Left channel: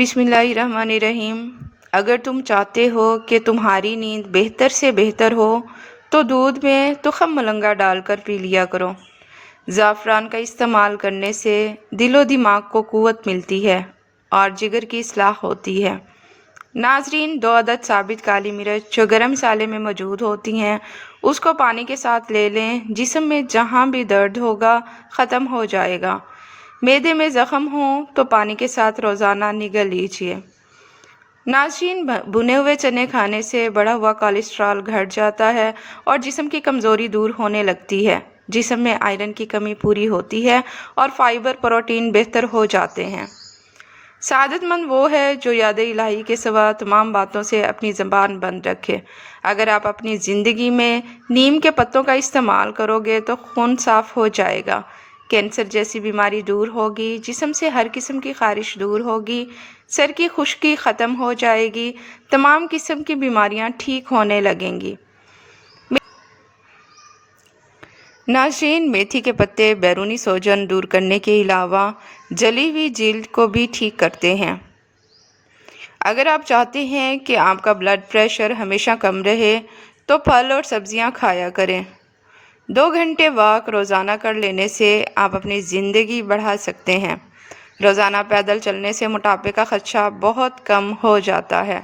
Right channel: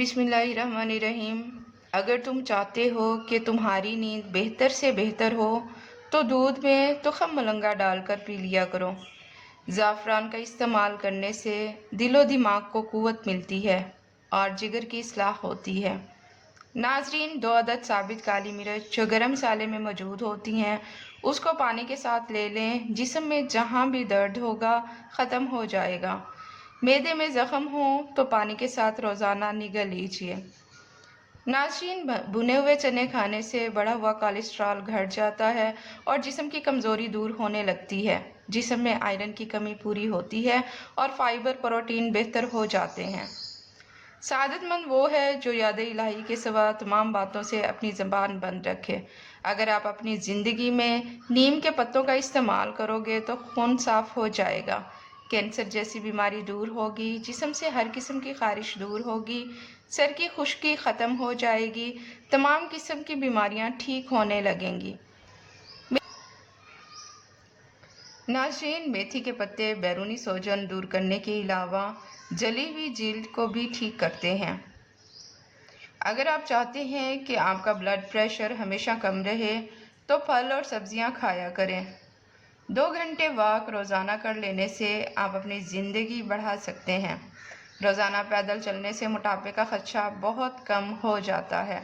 बिस्मिल्लाहिर्रहमानिर्रहीम। अगर तुम चाहते हो कि तुम्हारी नींद बेहतर से बेहतर हो तो दूध में तुखम मलंगा डालकर पी लिया करो। ज़ाफ़रान का इस्तेमाल करने से दिलो दिमाग को क़ुव्वत मिलती है और जिगर की इस्लाह होती है। नाजरीन, 2 अदद साबित काली मिर्च जो गरम मसाले में मौजूद होती हैं उसको पानी के साथ ले लें। जिस्म में जहाँ भी दर्द होगा ख़त्म हो जाएगा। मैदे में ज़ख़म हो तो पानी के साथ रोज़ाना निगल लीजिए। नाज़रीन, भुने हुए चने खाने से बढ़ा हुआ कोलेस्ट्रॉल घट जाता है और जिस्म की कमज़ोरी दूर होने लगती है। जिस्म में आयरन की कमी पूरी होती है और फाइबर प्रोटीन बेहतर हो जाते हैं। सादतमंद वो है जो याद इलाही के सिवा तमाम बातों से अपनी ज़बान बंद रखे। अगर आप अपनी ज़िंदगी में नीम के पत्तों का इस्तेमाल करोगे तो खून साफ़ हो जाएगा, कैंसर जैसी बीमारी दूर होगी, जिस्म से हर किस्म की ख़ारिश दूर होगी, सर की खुश्की ख़त्म हो जाएगी, तमाम किस्म की बीमारियां ठीक होने लगेंगी। नाज़रीन, मेथी के पत्ते बैरूनी सूजन दूर करने के अलावा जली हुई जिल्द को भी ठीक करते हैं। अगर आप चाहते हैं कि आपका ब्लड प्रेशर हमेशा कम रहे तो फल और सब्जियां खाया करें। 2 घंटे वॉक रोज़ाना कर लेने से आप अपनी ज़िंदगी बढ़ा सकते हैं। रोज़ाना पैदल चलने से मोटापे का खदशा बहुत कम हो जाता है।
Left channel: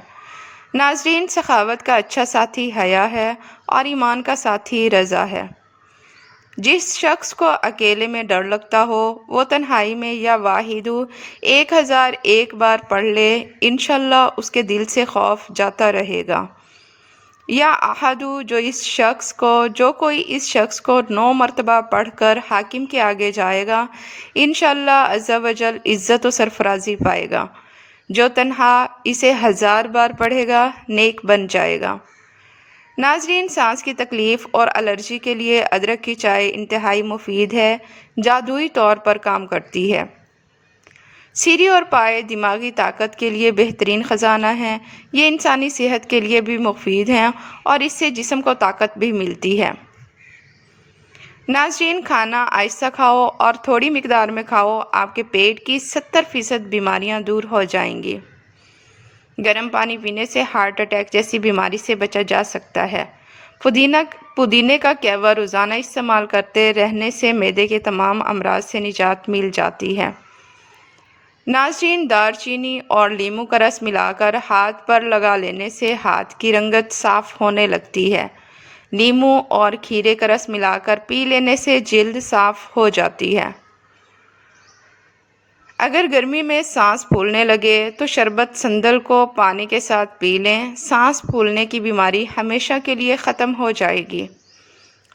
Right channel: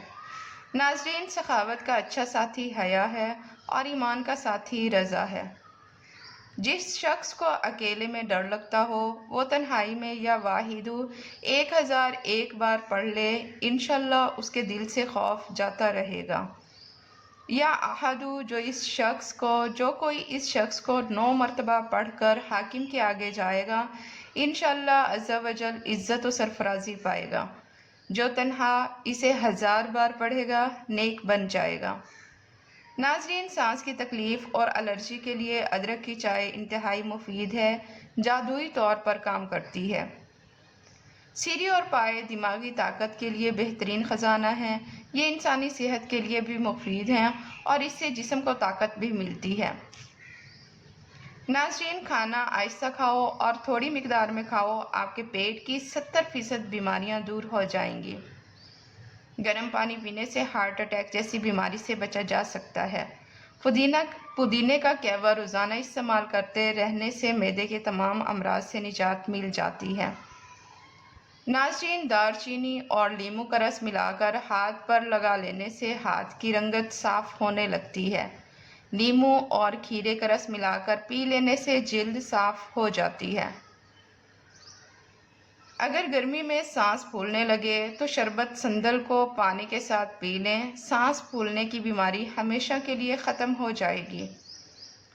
नाज़रीन, सखावत का अच्छा साथी हया है और ईमान का साथी रज़ा है। जिस शख्स को अकेले में डर लगता हो वो तन्हाई में या वाहिदु 1001 बार पढ़ ले, इंशाल्लाह उसके दिल से खौफ जाता रहेगा। या अहदु, जो कोई इस शख्स को 9 मरतबा पढ़कर हाकिम के आगे जाएगा, इंशाल्लाह अज़्ज़ा वजल इज़्ज़त व सरफराजी पाएगा। जो तन्हा इसे 1000 बार पढ़ेगा नेक बन जाएगा। नाजरीन, सांस की तकलीफ़ और एलर्जी के लिए अदरक की चाय इंतहाई मुफीद है, जादुई तौर पर काम करती है। सीरी और पाए दिमागी ताकत के लिए बेहतरीन ख़जाना हैं। ये इंसानी सेहत के लिए भी मुफीद हैं और इससे जिस्म को ताकत भी मिलती है। नाज़रीन, खाना आहिस्ता खाओ और थोड़ी मिकदार में खाओ, आपके पेट की 70% बीमारियां दूर हो जाएंगी। गर्म पानी पीने से हार्ट अटैक जैसी बीमारी से बचा जा सकता है। पुदीने का कहवा रोज़ाना इस्तेमाल करते रहने से मैदे के तमाम अमराज से निजात मिल जाती है। नाज़रीन, दालचीनी और लीमू का रस मिलाकर हाथ पर लगा लेने से हाथ की रंगत साफ़ होने लगती है। लीमू और खीरे का रस मिलाकर पी लेने से जिल्द साफ़ हो जाती है। अगर गर्मी में सांस फूलने लगे तो शरबत संदल को पानी के साथ पी लें। सांस फूलने की बीमारी हमेशा के लिए ख़त्म हो जाएगी।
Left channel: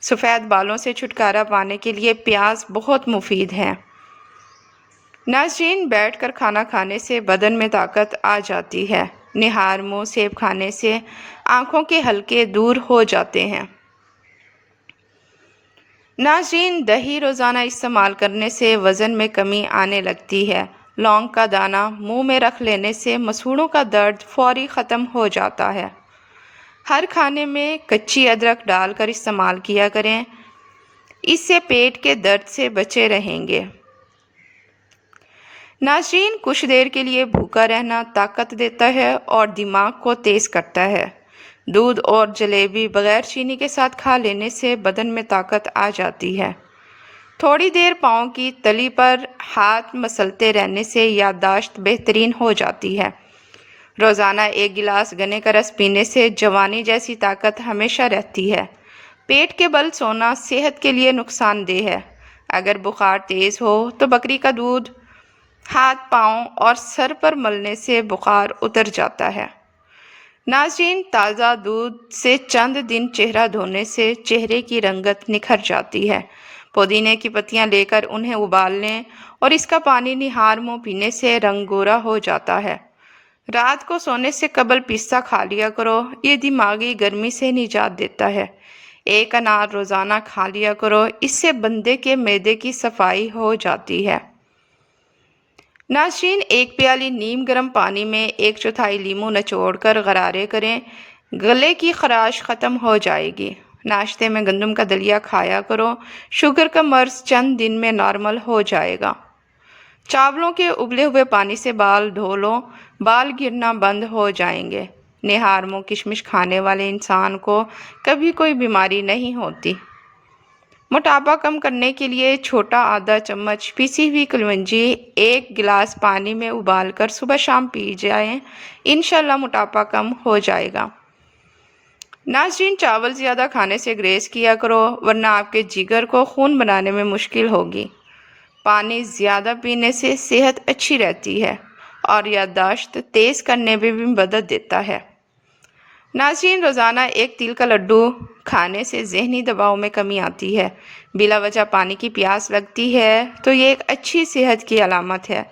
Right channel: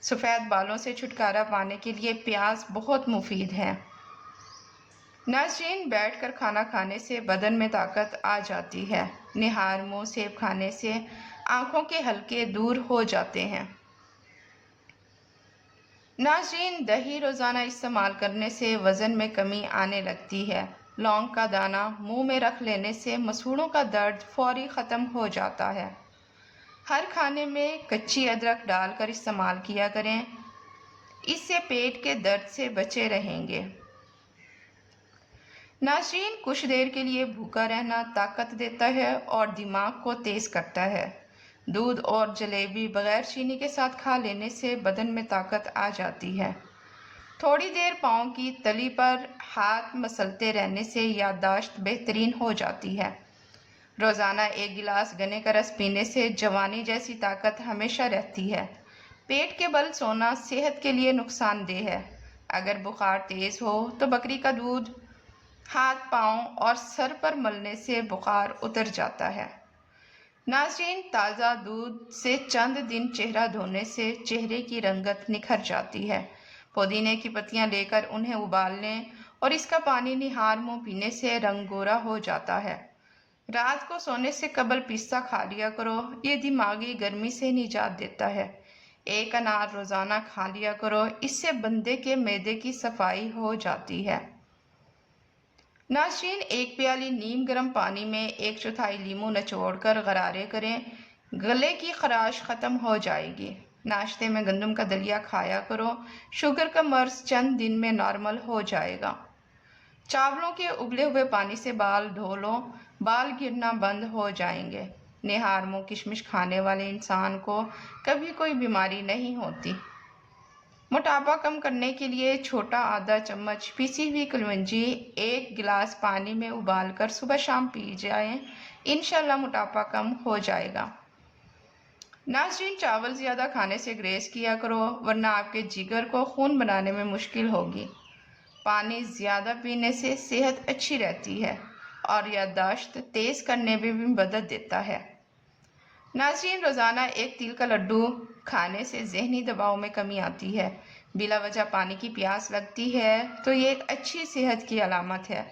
सफ़ेद बालों से छुटकारा पाने के लिए प्याज बहुत मुफीद है। नाज़रीन, बैठकर खाना खाने से बदन में ताकत आ जाती है। निहार मुँह सेब खाने से आँखों के हल्के दूर हो जाते हैं। नाज़रीन, दही रोज़ाना इस्तेमाल करने से वज़न में कमी आने लगती है। लौंग का दाना मुंह में रख लेने से मसूड़ों का दर्द फौरी ख़त्म हो जाता है। हर खाने में कच्ची अदरक डालकर इस्तेमाल किया करें, इससे पेट के दर्द से बचे रहेंगे। नाज़रीन, कुछ देर के लिए भूखा रहना ताकत देता है और दिमाग को तेज़ करता है। दूध और जलेबी बग़ैर चीनी के साथ खा लेने से बदन में ताकत आ जाती है। थोड़ी देर पाँव की तली पर हाथ मसलते रहने से याददाश्त बेहतरीन हो जाती है। रोज़ाना 1 गिलास गन्ने का रस पीने से जवानी जैसी ताकत हमेशा रहती है। पेट के बल सोना सेहत के लिए नुकसानदेह है। अगर बुखार तेज़ हो तो बकरी का दूध हाथ, पाँव और सर पर मलने से बुखार उतर जाता है। नाज़रीन, ताज़ा दूध से चंद दिन चेहरा धोने से चेहरे की रंगत निखर जाती है। पुदीने की पत्तियां लेकर उन्हें उबाल लें और इसका पानी निहार मुँह पीने से रंग गोरा हो जाता है। रात को सोने से कबल पिस्ता खा लिया करो, ये दिमागी गर्मी से निजात देता है। 1 अनार रोज़ाना खा लिया करो, इससे बंदे के मैदे की सफाई हो जाती है। नाज़रीन, 1 प्याली नीम गर्म पानी में 1/4 लीमू निचोड़कर गरारे करें, गले की खराश ख़त्म हो जाएगी। नाश्ते में गंदम का दलिया खाया करो, शुगर का मर्ज़ चंद दिन में नॉर्मल हो जाएगा। चावलों के उबले हुए पानी से बाल धो लो, बाल गिरना बंद हो जाएंगे। निहार मुँह किशमिश खाने वाले इंसान को कभी कोई बीमारी नहीं होती। मोटापा कम करने के लिए छोटा आधा चम्मच पिसी हुई कलवंजी 1 गिलास पानी में उबालकर सुबह शाम पी जाएं, इंशाल्लाह मोटापा कम हो जाएगा। नाज़रीन, चावल ज़्यादा खाने से ग्रेज़ किया करो, वरना आपके जिगर को खून बनाने में मुश्किल होगी। पानी ज़्यादा पीने से सेहत अच्छी रहती है और याददाश्त तेज़ करने में भी मदद देता है। नाज़रीन, रोज़ाना 1 तिल का लड्डू खाने से ज़हनी दबाव में कमी आती है। बिला वजह पानी की प्यास लगती है तो ये एक अच्छी सेहत की अलामत है।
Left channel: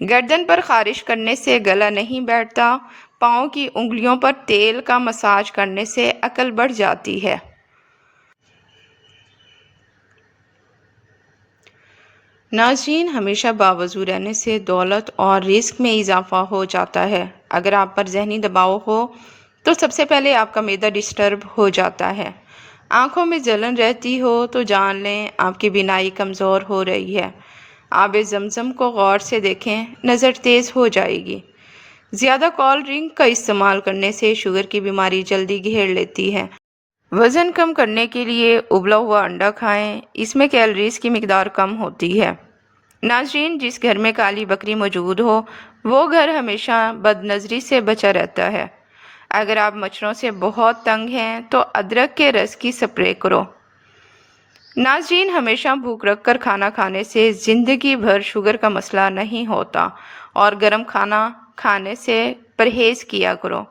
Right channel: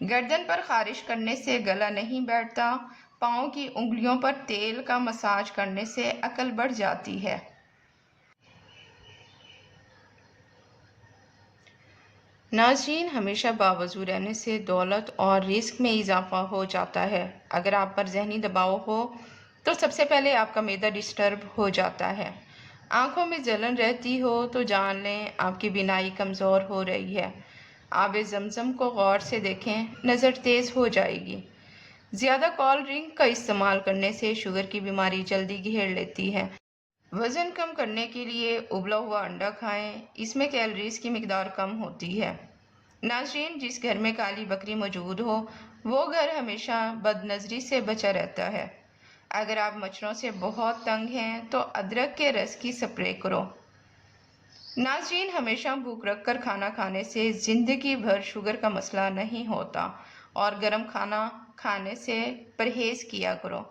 गर्दन पर ख़ारिश करने से गला नहीं बैठता। पाँव की उंगलियों पर तेल का मसाज करने से अकल बढ़ जाती है। नाज़रीन, हमेशा बावजू रहने से दौलत और रिस्क में इजाफा हो जाता है। अगर आप पर ज़हनी दबाव हो तो सबसे पहले आपका मैदा डिस्टर्ब हो जाता है। आँखों में जलन रहती हो तो जान लें आपकी बीनाई कमज़ोर हो रही है। आबे ज़मज़म को गौर से देखें, नज़र तेज़ हो जाएगी। ज़्यादा कोल्ड ड्रिंक का इस्तेमाल करने से शुगर की बीमारी जल्दी घेर लेती है। वज़न कम करने के लिए उबला हुआ अंडा खाएं, इसमें कैलोरीज की मिकदार कम होती है। नाज़रीन, जिस घर में काली बकरी मौजूद हो वो घर हमेशा बदनज़री से बचा रहता है। अगर आप मच्छरों से बहुत तंग हैं तो अदरक के रस की स्प्रे करो। नाज़रीन, हमेशा भूख रख कर खाना खाने से ज़िंदगी भर शुगर का मसला नहीं होता और गर्म खाना खाने से परहेज़ किया करो।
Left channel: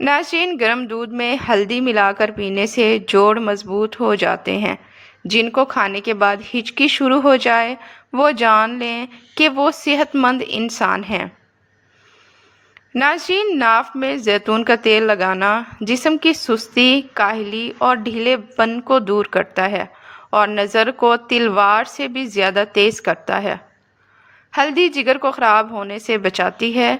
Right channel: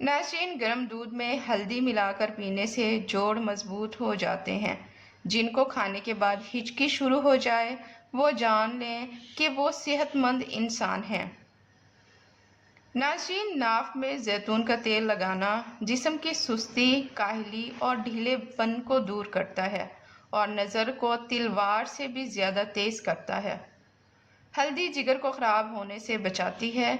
नाज़रीन, गर्म दूध में हल्दी मिलाकर पीने से जोड़ मजबूत हो जाते हैं। जिनको खाने के बाद हिचकी शुरू हो जाए वो जान लें कि वो सेहतमंद इंसान हैं। नाज़रीन, नाफ में जैतून का तेल लगाना जिस्म की सुस्ती, काहली और ढीलेपन को दूर करता है और नज़र को तिलवार से भी ज़्यादा तेज़ करता है। हल्दी जिगर को ख़राब होने से बचाती है।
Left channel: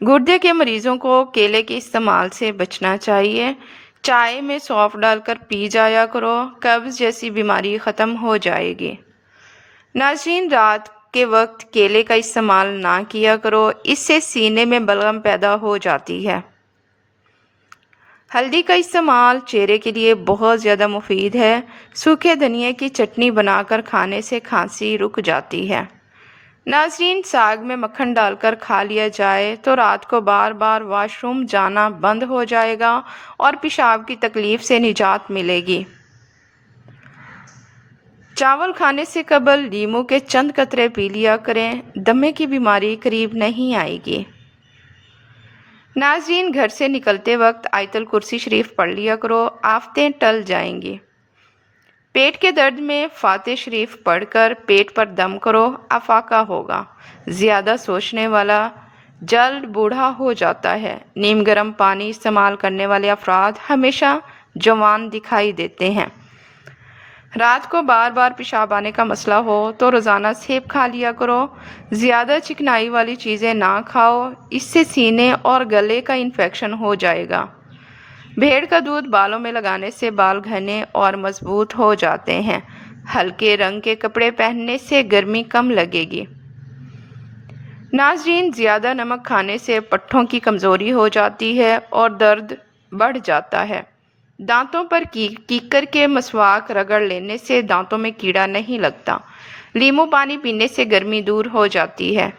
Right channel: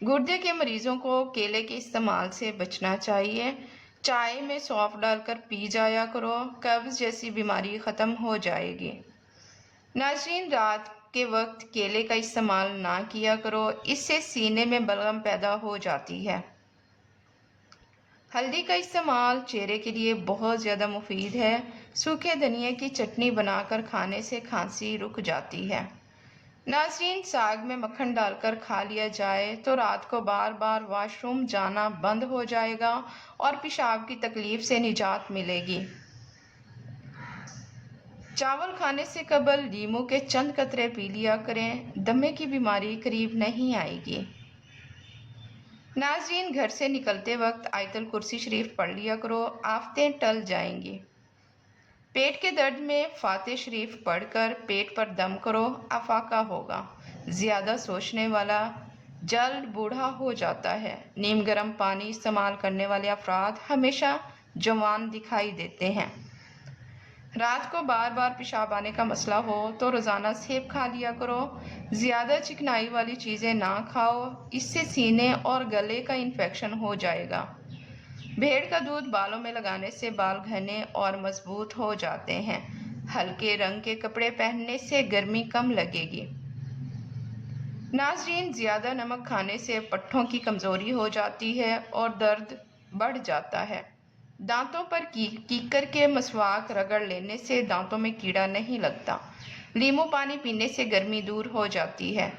गुर्दे के मरीज़ों को केले के इस्तेमाल से बचना चाहिए। चाय में सौंफ डालकर पी जाया करो, कब्ज़ जैसी बीमारी ख़त्म हो जाएगी। नाज़रीन, रात के वक्त केले का इस्तेमाल ना किया करो, इससे सीने में बलगम पैदा हो जाती है। हल्दी का इस्तेमाल चेहरे के लिए बहुत ज़्यादा मुफीद है। सूखे धनिए की चटनी बनाकर खाने से खांसी रुक जाती है। नाज़रीन, साग में मक्खन डालकर खा लिया जाए तो रात को बार बार वॉशरूम जाना बंद हो जाएगा और पेशाब की तकलीफ़ से निजात मिलेगी। चावल खाने से कबल नींबू के चंद कतरे पी लिया करें, दमे की बीमारी करीब नहीं आएगी। नाज़रीन, घर से निकलते वक्त आयतल कुर्सी शरीफ पढ़ लिया करो, आफतें टल जाएंगी। पेट के दर्द में फातिह शरीफ पढ़कर पेट पर दम करो, अफाका होगा। ज़्यादा सोचने वाला जल्द बूढ़ा हो जाता है। नीम गर्म पानी इस्तेमाल करने वाले अफराद हमेशा जवान दिखाई देते हैं। रात को बार बार पेशाब आने का मसला हो तो रोज़ाना सेब खा लिया करो। ज़्यादा चिकनाई वाली चीज़ें ना खाओ, इससे सीने और गले का इन्फेक्शन हो जाएगा। भेड़ का दूध बालों में लगाने से बाल घने और मजबूत हो जाते हैं। हल्के रंग के कपड़े पहनने से गर्मी कम लगेगी। नाज़रीन, ज़्यादा नमक खाने से पट्ठों की कमज़ोरी हो जाती है और दर्द बढ़ जाता है। दांतों पर कीकर के मसवाक रगड़ लेने से दांतों में कीड़ा नहीं लगता। नींबू पानी पीने से गर्मी दूर हो जाती है।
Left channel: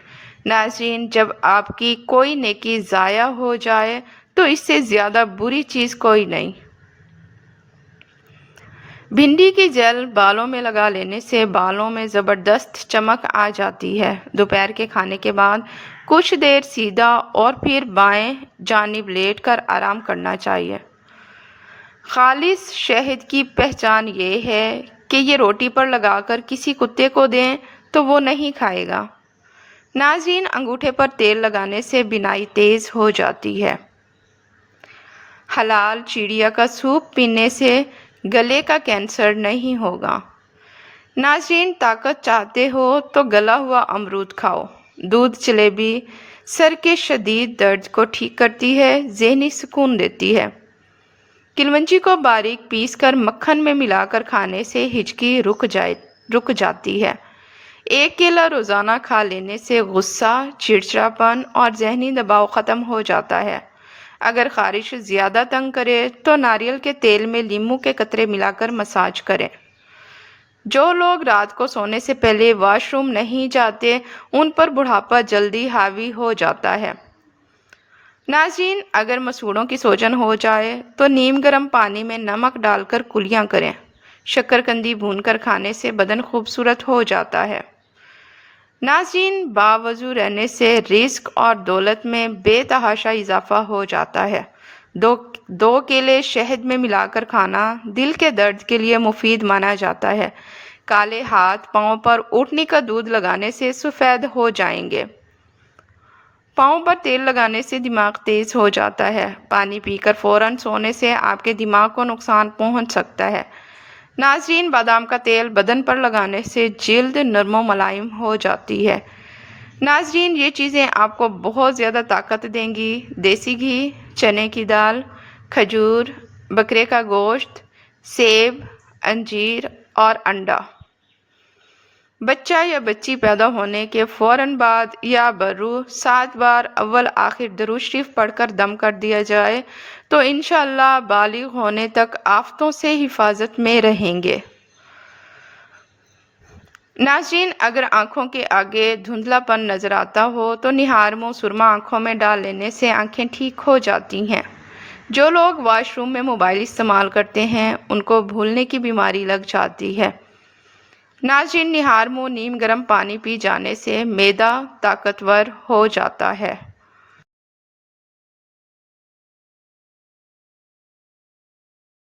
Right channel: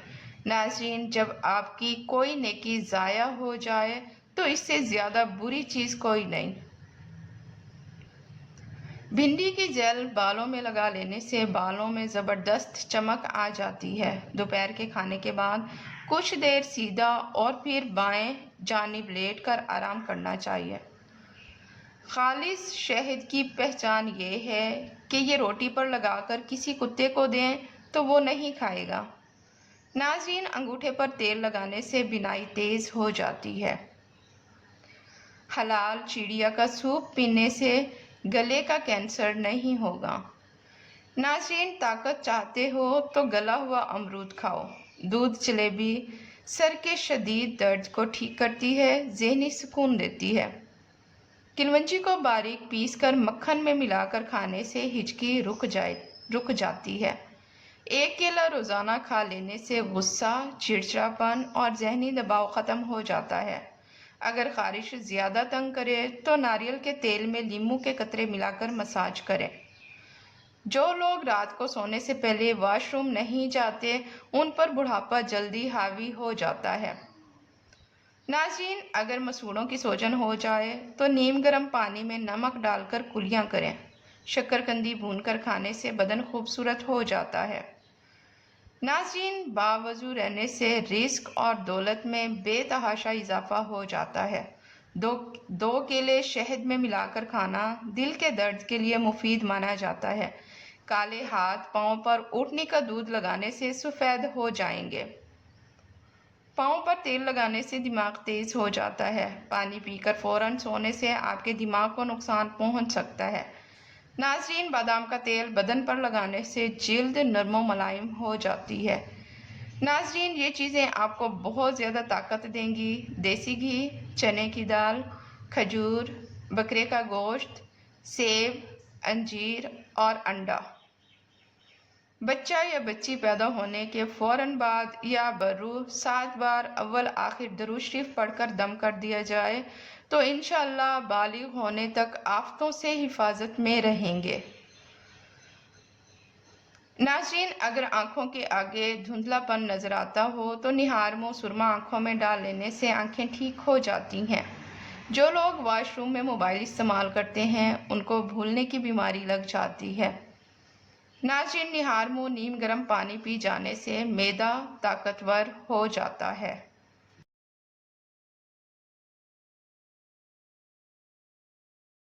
नाज़रीन, जब आपकी कोई नेकी ज़ाया हो जाए तो इससे ज़्यादा बुरी चीज़ कोई नहीं। भिंडी की जेल बालों में लगा लेने से बालों में ज़बरदस्त चमक आ जाती है। दोपहर के खाने के बाद कुछ देर सीधा और फिर बाएं जानिब लेटकर आराम करना चाहिए। खालिस शहद की पहचान ये है कि ये रोटी पर लगाकर किसी कुत्ते को दें तो वो नहीं खाएगा। नाज़रीन, अंगूठे पर तेल लगाने से बिनाई तेज़ हो जाती है। हलाल चिड़िया का सूप पीने से गले का कैंसर नहीं होगा। नाज़रीन, ताकत चाहते हो तो गला हुआ अमरूद खाओ। दूध जलेबी सर के शदीद दर्द को ठीक करती है, ज़हनी सुकून देती है। किलवंजी को बारीक पीसकर मक्खन में मिलाकर खाने से हिचकी रुक जाती है। ایک کیلا روزانہ کھا لینے سے غصہ، چڑچڑاپن اور ذہنی دباؤ ختم ہو جاتا ہے۔ اگر خارش زیادہ تنگ کرے تو ناریل کے تیل میں لیموں کے قطرے ملا کر مساج کریں۔ جو لوگ رات کو سونے سے پہلے واش روم نہیں جاتے، ان پر بڑھاپا جلدی حاوی ہو جاتا ہے۔ ناظرین، اگر مسوڑھوں کی سوجن ہو جائے تو نیم گرم پانی میں نمک ڈال کر کلیاں کریں۔ شکرقندی بھون کر کھانے سے بدن خوبصورت ہو جاتا ہے۔ ناظرین، باوضو رہنے سے رزق اور دولت میں بے تحاشا اضافہ ہو جاتا ہے۔ دو کیلے شہد میں ملا کر کھانا دل کے درد کے لیے مفید مانا جاتا ہے۔ کالے ہاتھ پاؤں پر اونٹنی کا دودھ لگانے سے سفید ہو جائیں گے۔ پاؤں پر تیل لگانے سے دماغ تیز ہو جاتا ہے۔ پانی پی کر فوراً سونے سے آپ کے دماغ کو نقصان پہنچ سکتا ہے۔ ناظرین، بادام کا تیل بدن پر لگانے سے جلد نرم و ملائم ہو جاتی ہے۔ ناظرین، یہ چیزیں آپ کو بہت زیادہ طاقت دیں گی۔ دیسی گھی، چنے کی دال، کھجور، بکرے کا گوشت، سیب، انجیر اور انڈا۔ بچہ یا بچی پیدا ہونے کے فوراً بعد یا برو 7 بار اول آخر درود شریف پڑھ کر دم کر دیا جائے تو انشاءاللہ بالغ ہونے تک آفتوں سے حفاظت میں رہیں گے۔ ناظرین، اگر آنکھوں کے آگے دھندلا پن نظر آتا ہو تو نہار منہ سرما آنکھوں میں ڈال لینے سے آنکھیں ٹھیک ہو جاتی ہیں۔ جو لوگ واش روم میں موبائل استعمال کرتے ہیں ان کو بھولنے کی بیماری لگ جاتی ہے۔ ناظرین، نہار منہ نیم گرم پانی پی جانے سے معدہ طاقتور ہو جاتا ہے۔